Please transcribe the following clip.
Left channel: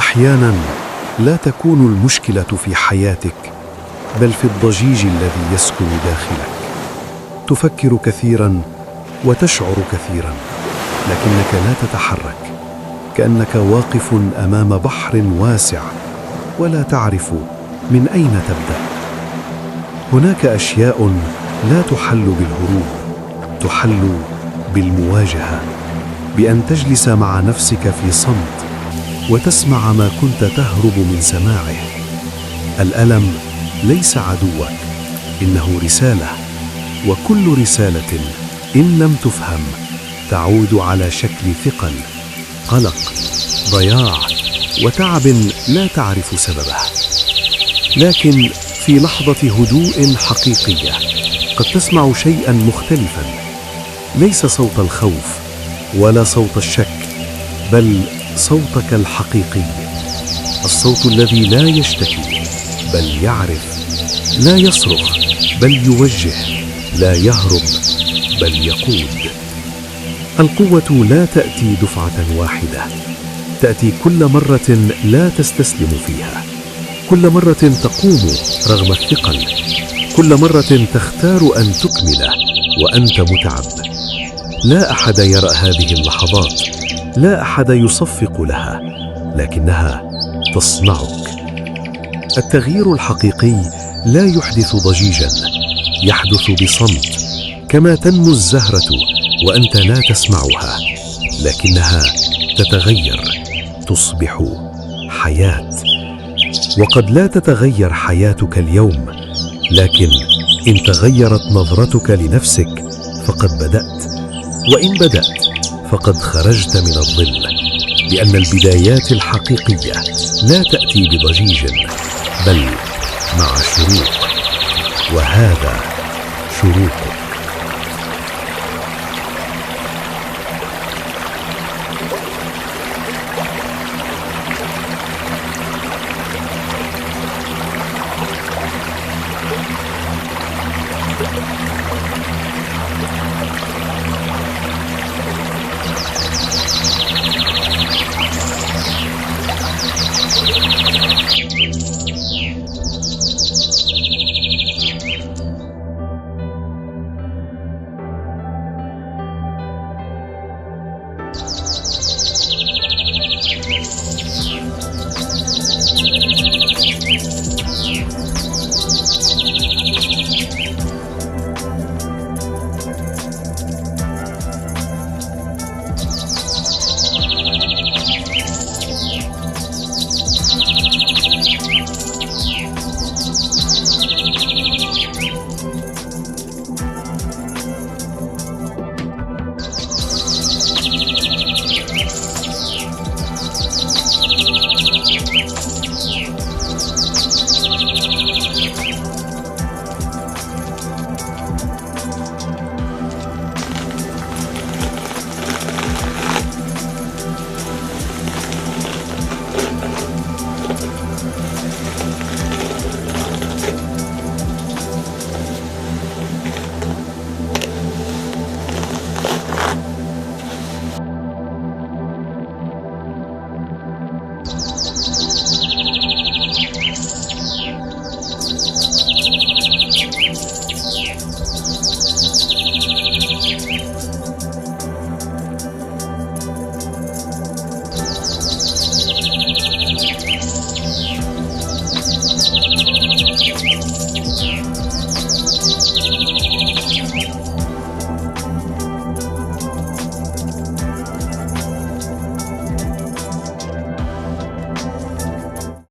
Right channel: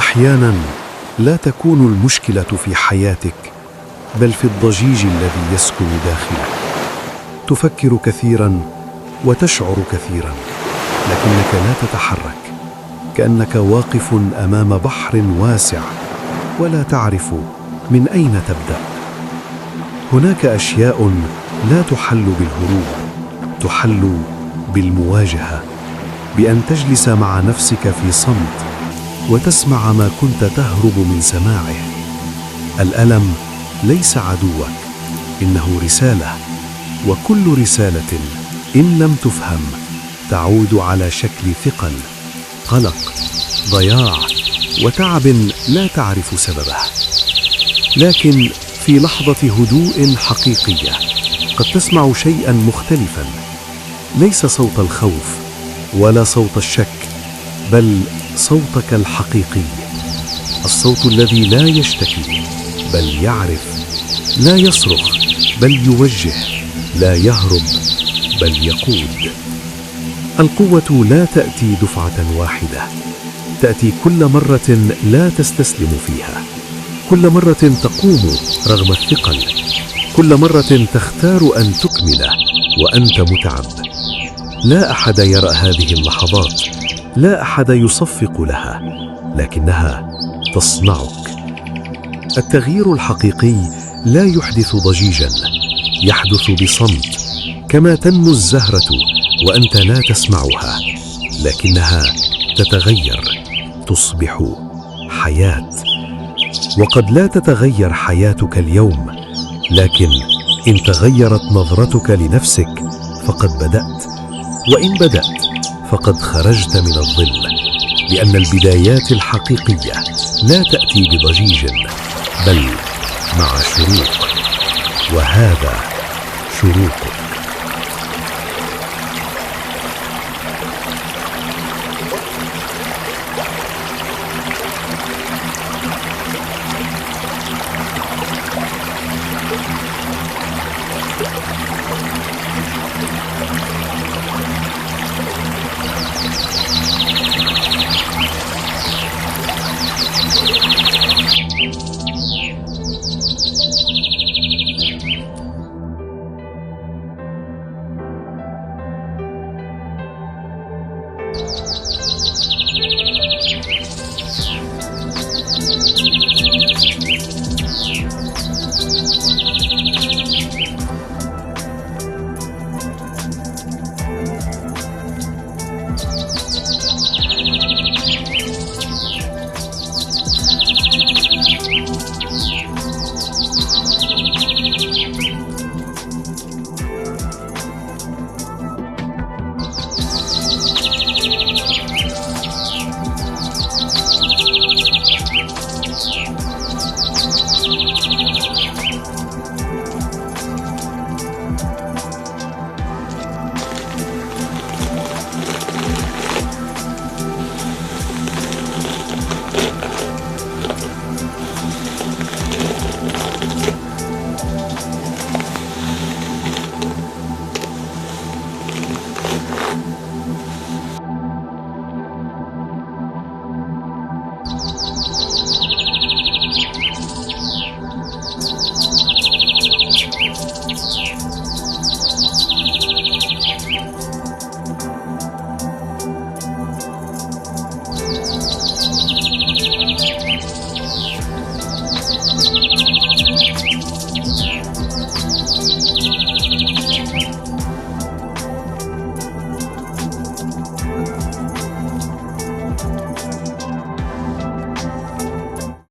أحيانا لا تكون المشكلة في حياتك بل في الضجيج الذي يسكن داخلك. تفكر كثيرا وتشعر كثيرا لكنك لا تتحرك، كأنك واقف أمام بحر واسع ولا تعرف من أين تبدأ. هناك أشياء لا تحل بالهروب، تحل بالمواجهة، بأن تجلس مع نفسك في صمت وتسمع ما كنت تهرب من سماعه. الألم ليس عدوك، إنه رسالة، وكل رسالة إن لم تفهم تعود على شكل ثقل، قلق، ضياع وتعب لا تعرف سببه. لكن في لحظة هدوء حقيقية قد تسمع شيئا مختلفا، ليس صوت الخوف ولا صوت الشك، بل صوتك الحقيقي، الصوت الذي لا يشتكي بل يعرف، لا يصرخ بل يوجه، لا يهرب بل يقود. القوة لا تأتي دفعة واحدة، تأتي كل مرة لا تستسلم فيها، كل مرة تقوم رغم الثقل، كل مرة تختار أن تكمل وأنت متعب. لا أحد يرى هذه اللحظات، لا أحد يصفق لها، لكنها تصنعك. التغيير الحقيقي لا يحدث ضجيجا، يحدث بصمت، كما تنمو الزهرة وأنت لا تسمعها، لكنها تتغير، تصبح حياة. وقد لا تتغير حياتك اليوم، لكن إن تغيرت نظرتك لنفسك فقد بدأت، وإن بدأت فقد خرجت من الظل، لأن البدايات الحقيقية لا تأتي بضجيج بل مع شروق، وهذا شروقك.